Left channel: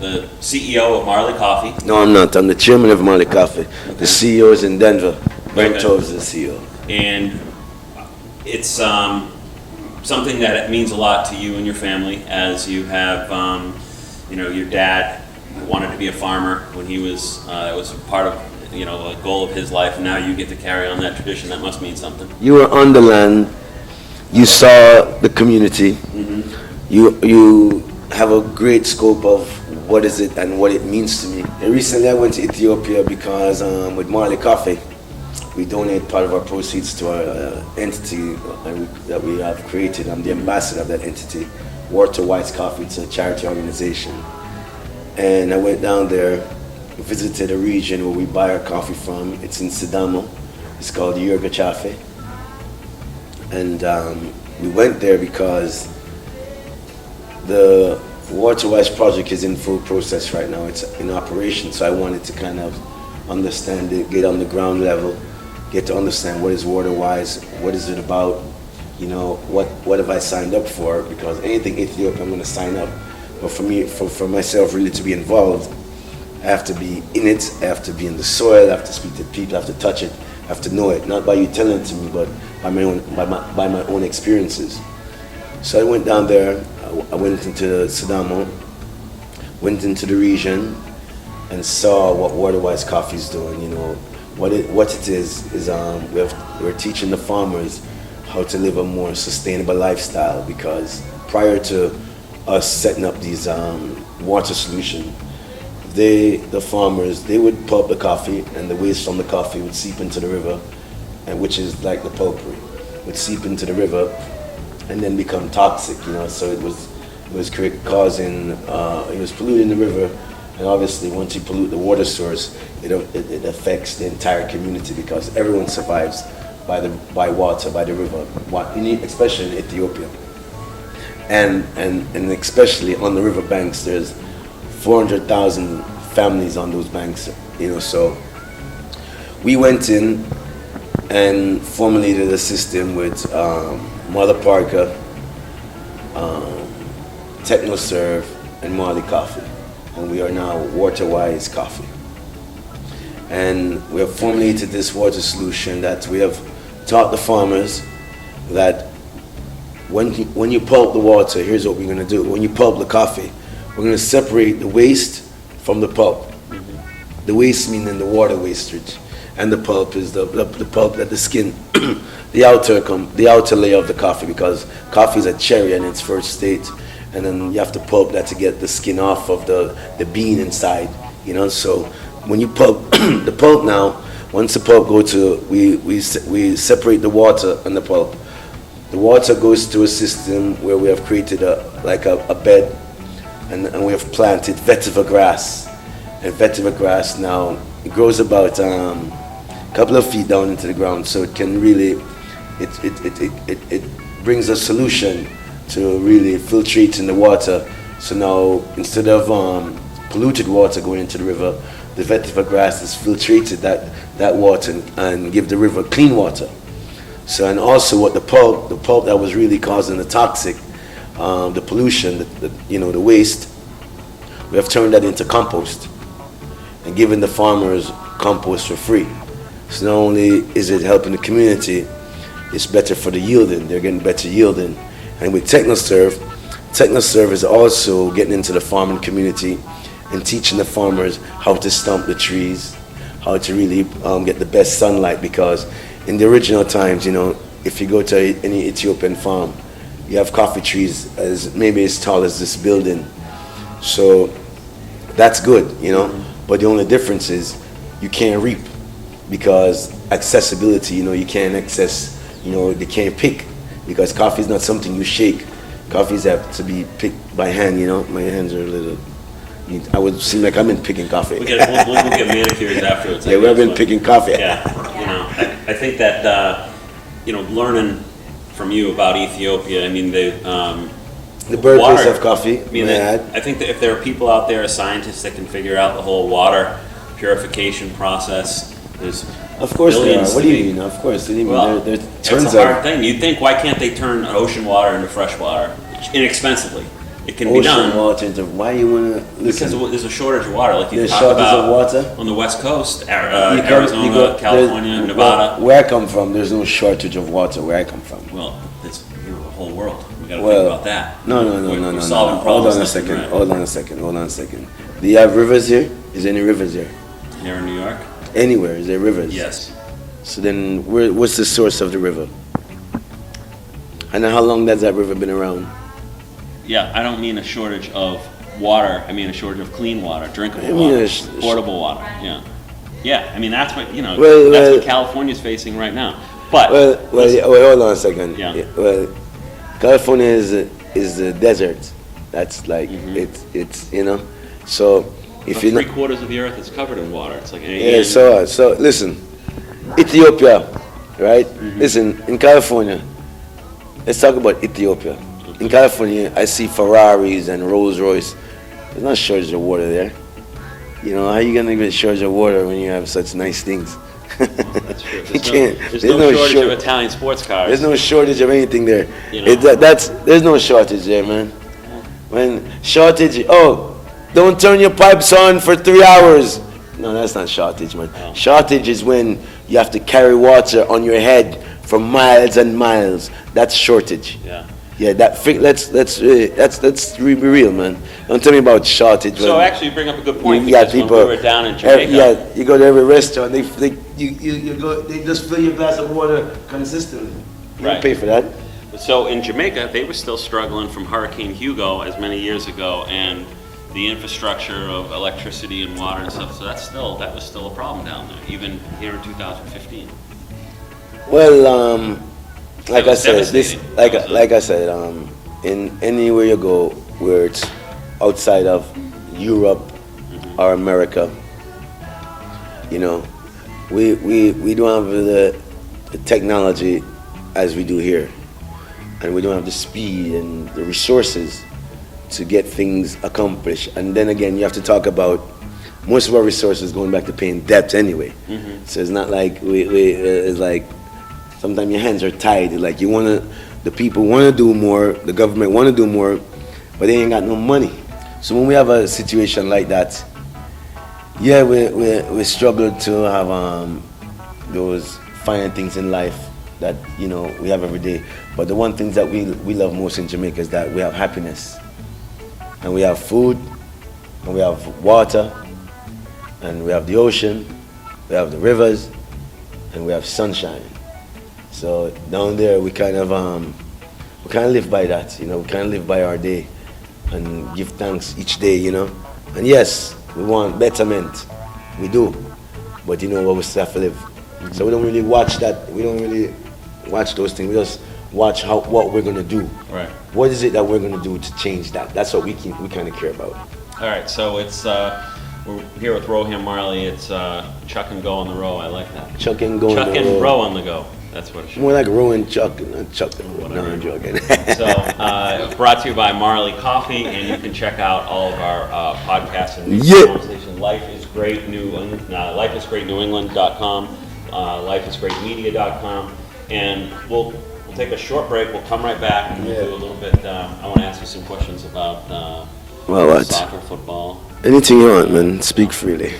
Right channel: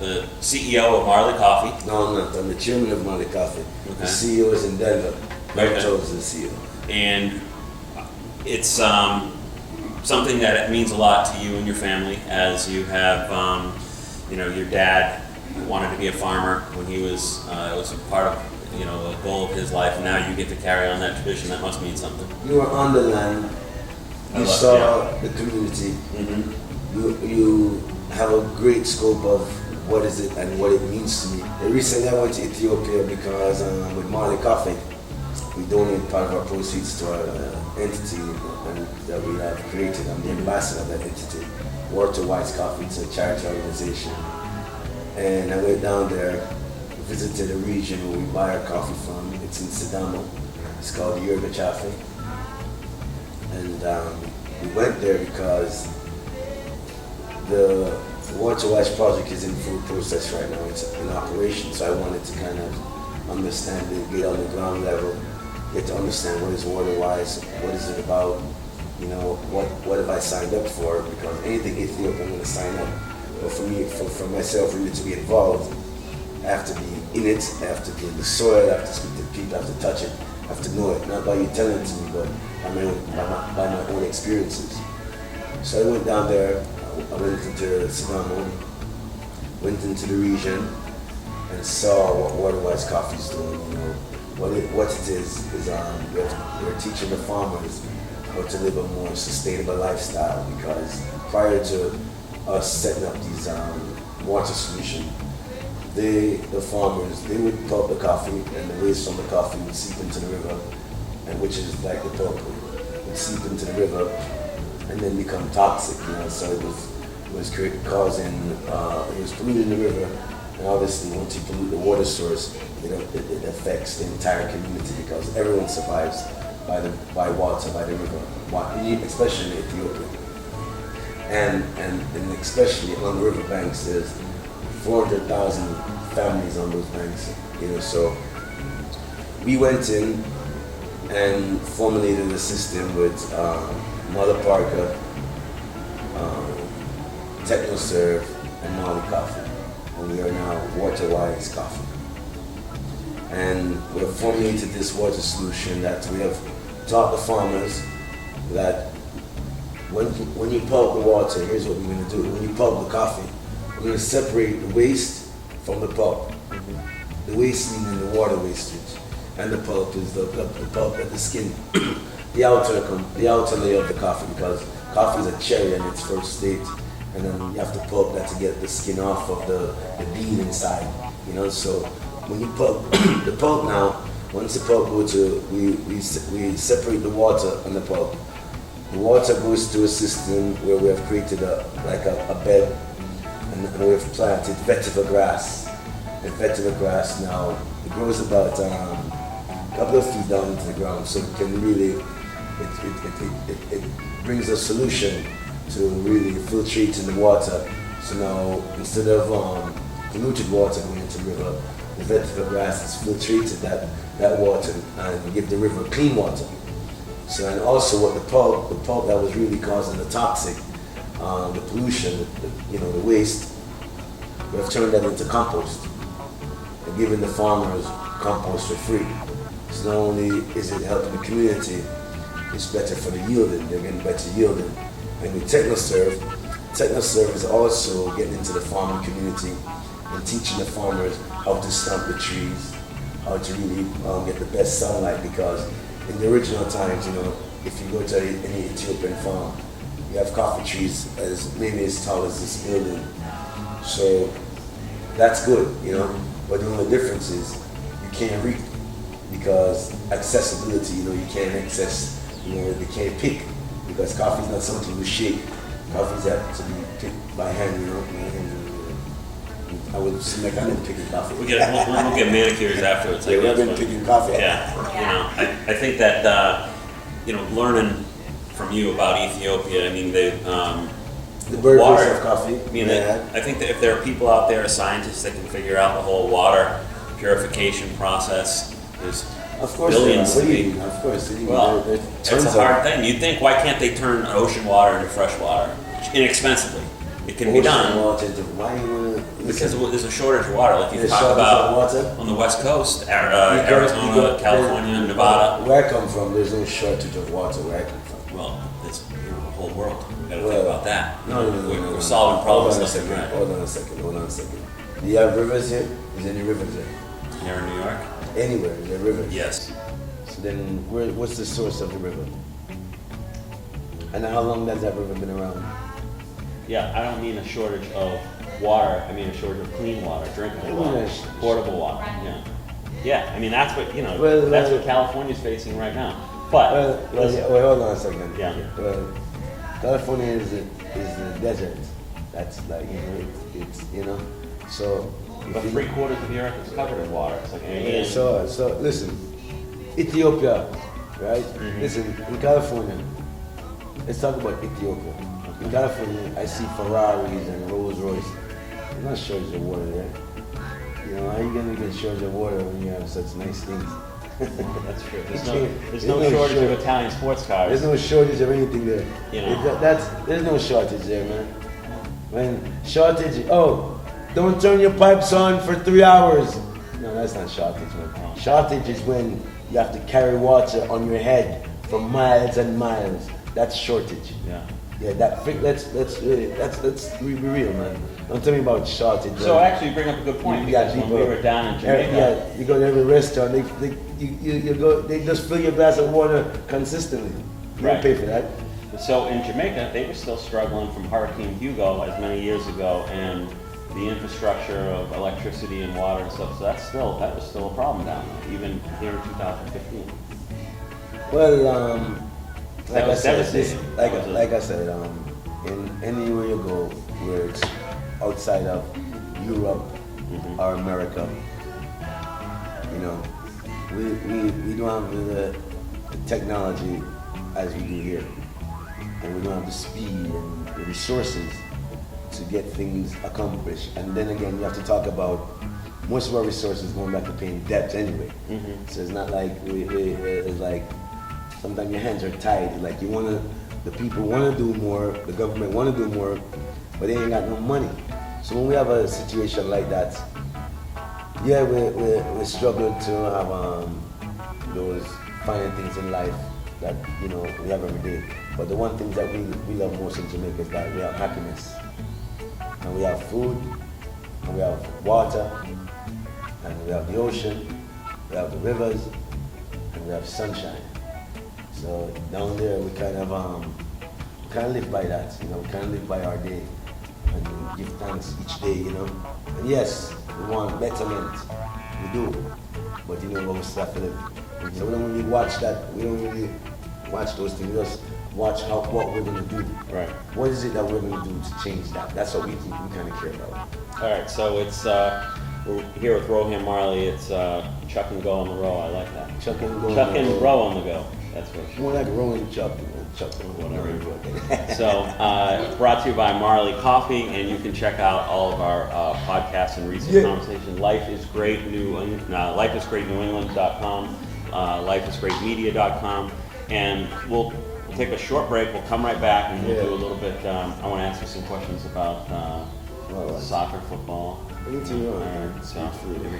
the CEO of Marley Coffee. No, I'm not. I'm the chairman of Marley Coffee. Okay. The CEO is in Denver. Okay. Mike Toves is the CEO. And it's something that means a lot to you and your family, as you have, your dad wanted to be a farmer when he was, it was a part of, a goal of his life, and now you get to carry on that tradition. That must mean something. You were on the land. You saw the community. Mm-hmm. You have a great scope of what is it and what it means to me. And recently I went to Ethiopia because with Marley Coffee, we donate part of our proceeds to our entity that we have created. I'm the ambassador of that entity, Water Wise Coffee. It's a charity organization. And I went down there, visited a region where we buy our coffee from. It's in Sidamo. It's called Yerba Chafe. And we went there because the Water Wise project is in full process right now. It's in operation. So I wanted to kind of understand it, get on the ground level, get to understand what is Water Wise, what is it about, what have I signed up for, because anything Ethiopia I'm going to sign up. But for me, for myself really to be involved, I have to be in it, I have to be in the soil, I have to speak to people, I have to touch it, I have to know it, not by you telling it to me, but by my own experiences. So I went down there, I went into Sidamo, went into the region, and saw what Water Wise Coffee is doing. What it is we're teaching the farmers how to live a more sustainable lifestyle, because prior to us setting up these water solution, the farmers, they would pulp the coffee, and the waste from the coffee would seep into the river, and which is like the pulp would seep into the river and then become toxic, so it was causing, it was polluting the river. And obviously once you pollute the water source, it affects the entire community, because everyone survives by water, by the river, especially in Ethiopia. And especially on the river banks, there's 400,000 families on those banks, so we went in and formulated a system with Mother Parker, TechnoServe, and Marley Coffee. And we are now Water Wise Coffee. And we have formulated this water solution that we have taught the farmers that when you pulp the water, here's what we're going to do. When you pulp the coffee, we're going to separate the waste from the pulp. The waste meaning the water wastage, and the pulp is the pulp that the skin, the outer layer of the coffee, because coffee is a cherry in its first state, and then you have to pulp that to get the skin off of the bean inside. So when you pulp the pulp now, once the pulp we separate the water and the pulp. The water goes to a system where we have created a bed, and we have planted vetiver grass. And vetiver grass now, it grows about a couple of feet down into the ground, so it can really, it brings a solution to really filtrating the water. So now, instead of polluted water going into the river, the vetiver grass has filtrated that water and give the river clean water. So, and also what the pulp that was really causing the toxic, the pollution, the waste, we have turned that into compost and given the farmers compost for free. So not only is it helping the community, it's better for the yielding. They're getting better yielding. And with TechnoServe is also getting into the farming community and teaching the farmers how to stump the trees, how to really get the best sunlight, because in the original times, if you go to any Ethiopian farm, you have coffee trees maybe as tall as this building. So that's good, but the only difference is you can't reap, because accessibility, you can't access, they can't pick, because coffee is not something you shake. Coffees have to be picked by hand, my hands are a little, I would seem like I've been picking coffee. We'll get manicures afterwards. Yeah, we've been picking coffee. Yeah, I think that, learning from you about Ethiopia, the birthplace of coffee. I think that if there are people out there, scientists, that can figure out the whole water purification process, there's of course billions. What do you mean? Of course. It's a hard thing. You'd think, why can't they turn ocean water into fresh water inexpensively? it can be done. Water into, why you want to listen? Because there's a shortage of water, like you There's talk shortage about of water? on the West Coast, You Arizona, California, Nevada. Where I come from, there's no shortage of water where I come from. Well, it's the whole world. We got to Well, think about that. No. We're solving problems. Hold on a second. Do you have rivers here? Is there any rivers here? Here in New York? Anywhere, is there rivers? Yes. So then, what's the source of the river? And how long has that river been around? Yeah, I don't mean a shortage of water. I mean a shortage of clean water, drinkable water, portable water. Yeah. Yeah, I mean, that's what, that's what California's facing right now. But hold on a second. Yeah. Well, California is a desert. That's like it's So if you 3/4 of the earth is covered in water. It's like So listen, Ethiopia, right? Listen, in California, let's talk about Ethiopia. In California, I see Ferraris and Rolls Royce. There's not shortage of water there. How you gonna get shortage of water when you have such nice things? That's true. There's no shortage of Italian sports cars. There's no shortage of anything there. There's no shortage there, man. Don't turn your pipes on for 3 hours. No, that's not shortage, man. Oh. Shortage is when you have to carry water on your head for miles and miles. That's shortage. Yeah. Yeah, let's be real, man. Don't tell me about shortage. So actually, you bring up a good point. You got because people. When we were down in Jamaica. You go to every restaurant. They just fill your glass of water consistently. You don't pay for that. So in Jamaica, they were still struggling from Hurricane Hugo as many years ago, and the infrastructure of electricity and water and stuff. So that was still a problem down there, even here in 2015. Well, like I said, in anywhere you go where it's outside of Europe or America, we don't have the technology as we do here, and we don't have the speed and the resources to get things accomplished. And then again, you have to talk about most of our resources going back to paying debts anyway. So it's not like it's like sometimes your hands are tied. Like the people want to do more, the government want to do more, but they ain't got no money. So when we have a situation like that, yeah, we struggle to have those finer things in life that we have every day. But the one thing that we love most in Jamaica is that we have happiness, and we have food, and we have water, and we have the ocean, we have the rivers, and we have sunshine. So down there we kind of live by that, we kind of live by our day and give thanks each day, And yes, we want betterment, we do, but we still have to live. So we don't really watch that. We don't really watch those things. We just watch what we're gonna do. Right. What is it that we're gonna do to change that? That's what we kind of care about. All right. So it's we're here with Rohan Marley. It's Chuck and Go on the Row. I like that. Chuck and Go. Chuck and Row on the Go. That's what it should be. More like Row and Chuck. Chuck. No, I'm joking. So brought to you by Marley Coffee, and you can check out all of our podcasts and recent conversation. LifeIsGreatNewEngland.com, LifeIsGreatMedia.com, and we'll take a short break. We'll come right back and we'll do a little bit. I want to ask you some questions about soccer, football. Anything you want, man. Speak freely.